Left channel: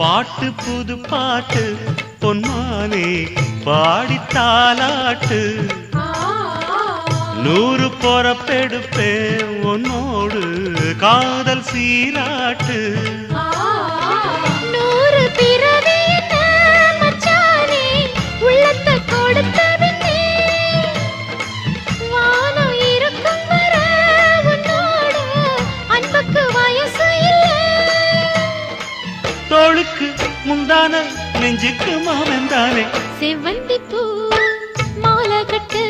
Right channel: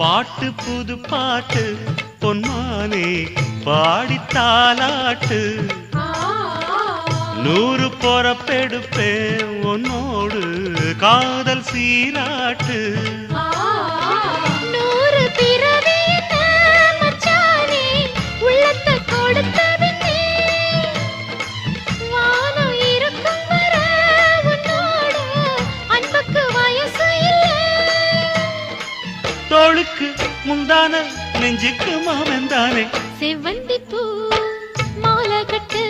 பாட்டு புது பாட்டு பொன்மானே பாடித்தாலாட்டு 100 பொறப்பெடுப்பேன் உன்னோடு காதல் சீராட்டு 100 பிறவி மச்சானே உள்ளத்தை கொடுத்தவனே வானம் இருக்கும் வரை உன்னோடு அன்புக்கு வயசு இல்லை தோளுக்கு முந்தான நெஞ்சுக்கு மாமந்தானே செவ்வந்தி பூ மாலை கட்டு